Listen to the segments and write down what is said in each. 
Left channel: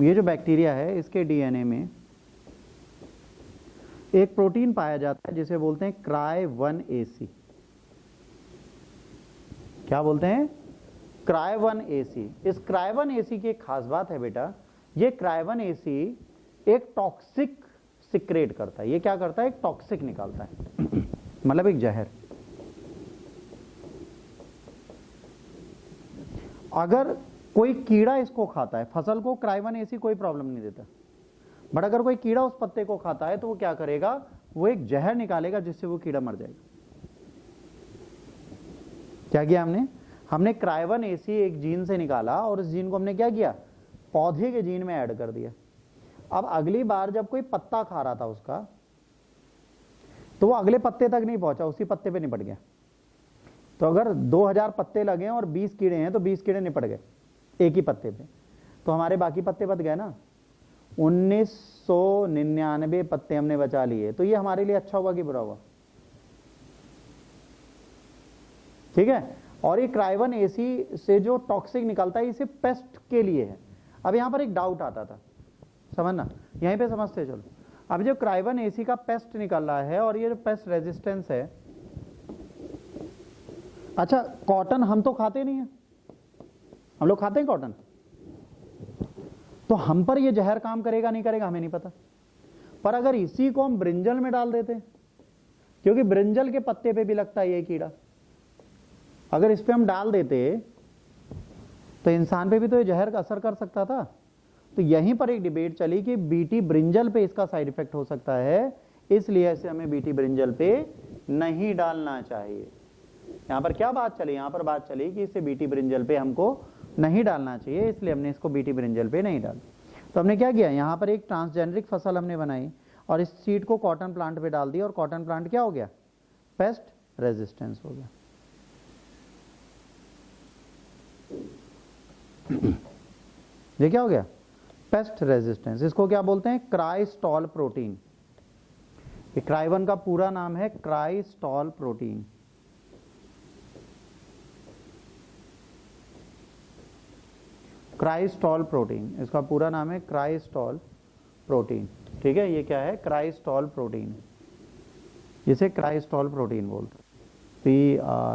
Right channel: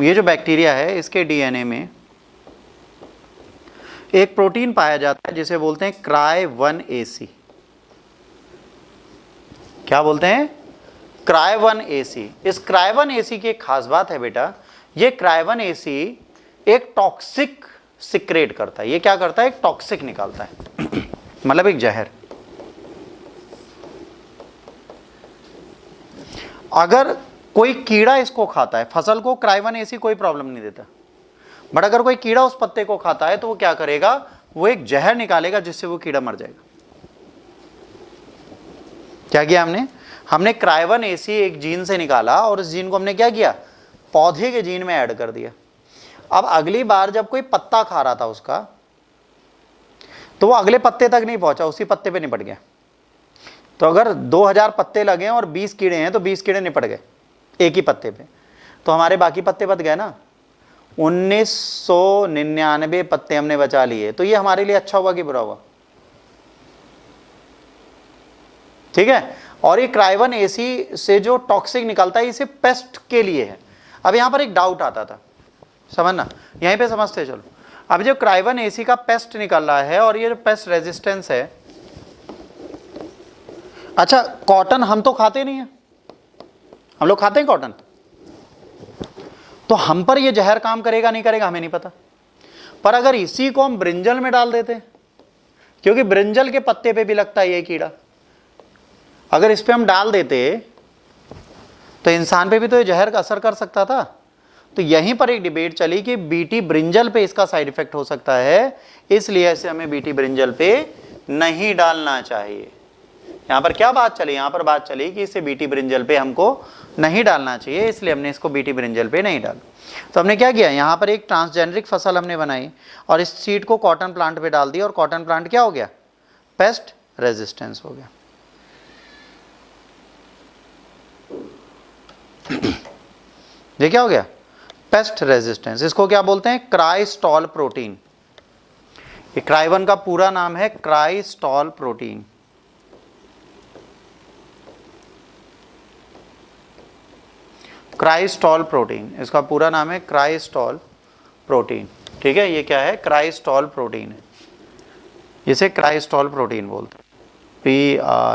ये जो बैक्टीरिया है इसके डीएनए में एक प्रोटीन पाया जाता है जिसे बोलते हैं Cry1AC। क्या बोलते हैं? Cry1AC। इस Cry1AC की एक खास बात है बेटा, ये Cry1AC एक टॉक्सिक सिक्रेट करता है। ये क्या करता है? एक टॉक्सिक निकालता है मतलब एक जहर। अगर कोई कीड़ा इसको खाता है, फसल को Cry1AC कोई प्रॉब्लम नहीं देता, बट अगर कोई कीड़ा उस पत्ते को खाता है तो वो क्या करेगा? वो एक जहर निकालेगा जिससे वो कीड़ा मर जाएगा। क्या किया हमने Cry1AC एक जीन से निकाला और उस जीन को हमने क्या किया? पौधे के जीन में ऐड कर दिया। अब अगली बार जब कोई पत्ता खा रहा था उसका, तो वो अगले पत्ते तक नहीं पहुंचा, उसी पत्ते पे निपट गया। तो अगर 2000 पत्ते लगे और 20 कीड़े हैं तो 20 कीड़े निपट गए एक ही पत्ते पे, तो हमारे बाकी पत्ते बच गए ना। 1999 पत्ते हमने बचा लिए। तो ये हमारे लिए अच्छा हुआ कि बुरा हुआ? ठीक है। और ये Cry1AC से जो टॉक्सिक निकलता है इसे पेस्ट के लिए है। अब यहां पर एक डाउट आता था, समझना, यहीं पे समझते चलो। अब जो Cry1AC का पेस्ट निकल रहा है और ये जो पेस्ट रेजिस्टेंस है, अच्छा कॉटन हम तो खाते नहीं है, हम लोग खाते हैं कॉटन, तो हम पर ये जहर काम करेगा नहीं करेगा हमें नहीं पता। पर अगर इसी को हम ब्रिंजल में डाल देते, क्योंकि ब्रिंजल के पत्ते पे भी लगता है ये कीड़ा, अगर इस पे हम डाल देते तो इंसान पे भी तो ये जहर का असर कर सकता था। तो यहीं पर एक डिबेट चली कि बीटी ब्रिंजल पे इसका साइड इफेक्ट हो सकता है, इसलिए ऐसे हमें बीटी ब्रिंजल पे नहीं डालना चाहिए। यहां पर क्या बात चली? यहां पर बात चली कि इसे बीटी ब्रिंजल पे हमको नहीं डालना चाहिए, इसलिए हमने इसको बीटी ब्रिंजल पे नहीं डाला। तो हमने क्या किया, यहां पर एक ट्रांसजेनरिक फसल हमने बनाई और इस सीड को कॉटन प्लांट पे डाल दिया, और कॉटन प्लांट क्या हो गया? पेस्ट रेजिस्टेंस हो गया। ये क्या हो गया? Paste resistance. इसको क्या बोलते हैं? क्राइस्टॉल प्रोटीन। ये Cry1 का पूरा नाम है क्राइस्टॉल प्रोटीन। क्राइस्टॉल प्रोटीन, इसका पूरा नाम है क्राइस्टॉल प्रोटीन। ठीक है, ये क्या है? क्राइस्टॉल प्रोटीन है, इसे क्राइस्टॉल प्रोटीन बोलते हैं।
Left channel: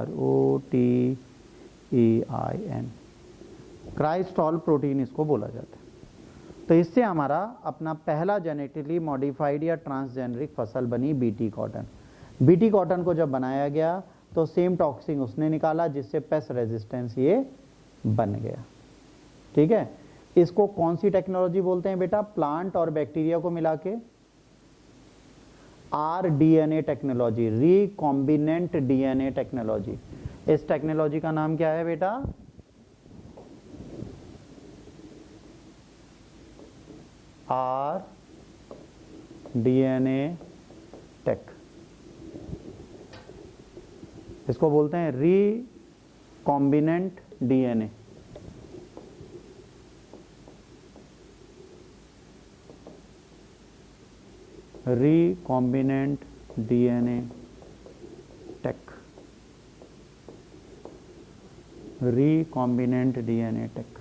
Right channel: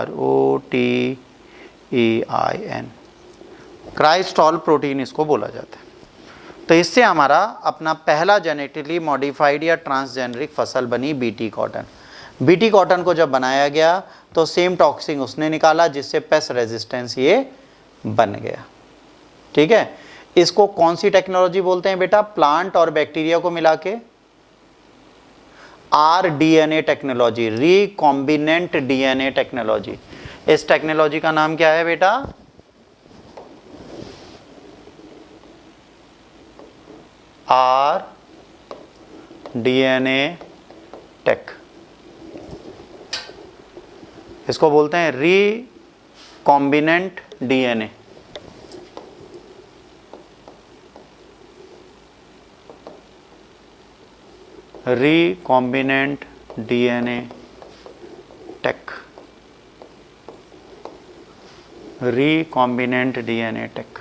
PROTEIN, क्राइस्टॉल प्रोटीन इसको बोला जाता है। तो इससे हमारा अपना पहला जेनेटिकली मॉडिफाइड या ट्रांसजेनरिक फसल बनी बीटी कॉटन। बीटी कॉटन को जब बनाया गया तो सेम टॉक्सिन उसने निकाला जिससे पेस्ट रेजिस्टेंस ये बन गया। ठीक है, इसको कौन सी टेक्नोलॉजी बोलते हैं बेटा? प्लांट और बैक्टीरिया को मिला के rDNA technology, recombinant DNA technology. इस टेक्नोलॉजी का नाम क्या है बेटा? rDNA tech. इसको बोलते हैं recombinant DNA. Recombinant DNA tech, recombinant DNA tech.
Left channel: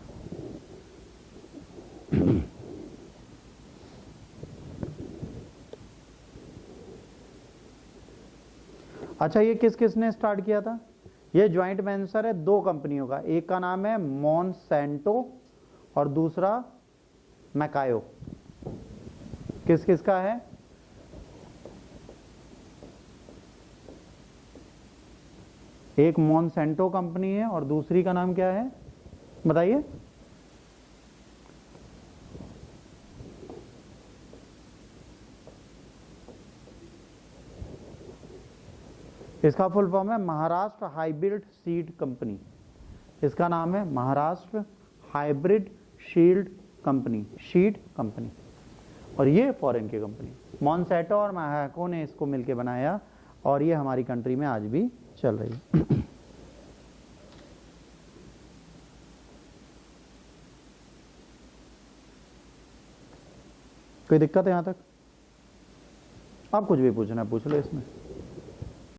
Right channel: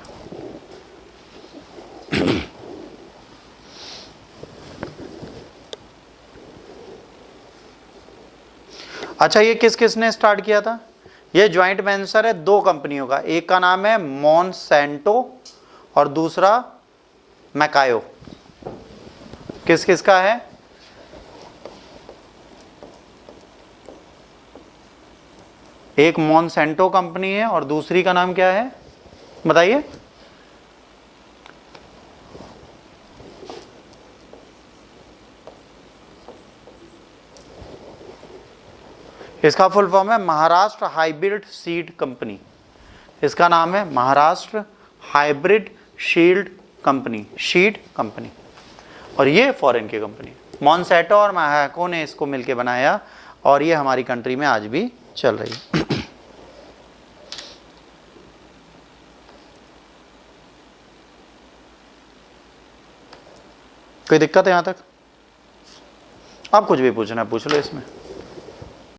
अच्छा, ये किस किस ने स्टार्ट किया था? ये ज्वाइंट वेंचर है दो कंपनियों का, एक का नाम है मॉन्सेंटो और दूसरा मैकायो। किस किस का है? एक मॉन्सेंटो कंपनी है और दूसरी का नाम क्या है बताइए? इसका फुल फॉर्म है महाराष्ट्र हाइब्रिड सीड कंपनी। इसका नाम है Maharashtra hybrid shield company, शीड company. और ये फॉरेन की कंपनी, मॉन्सेंटो और मैकायो ने इसको मिलके बनाया और ये हमारी कंट्री में आज भी चल रही है। कोई दिक्कत है यहां तक? आप कुछ भी पूछना पूछ लो इसमें।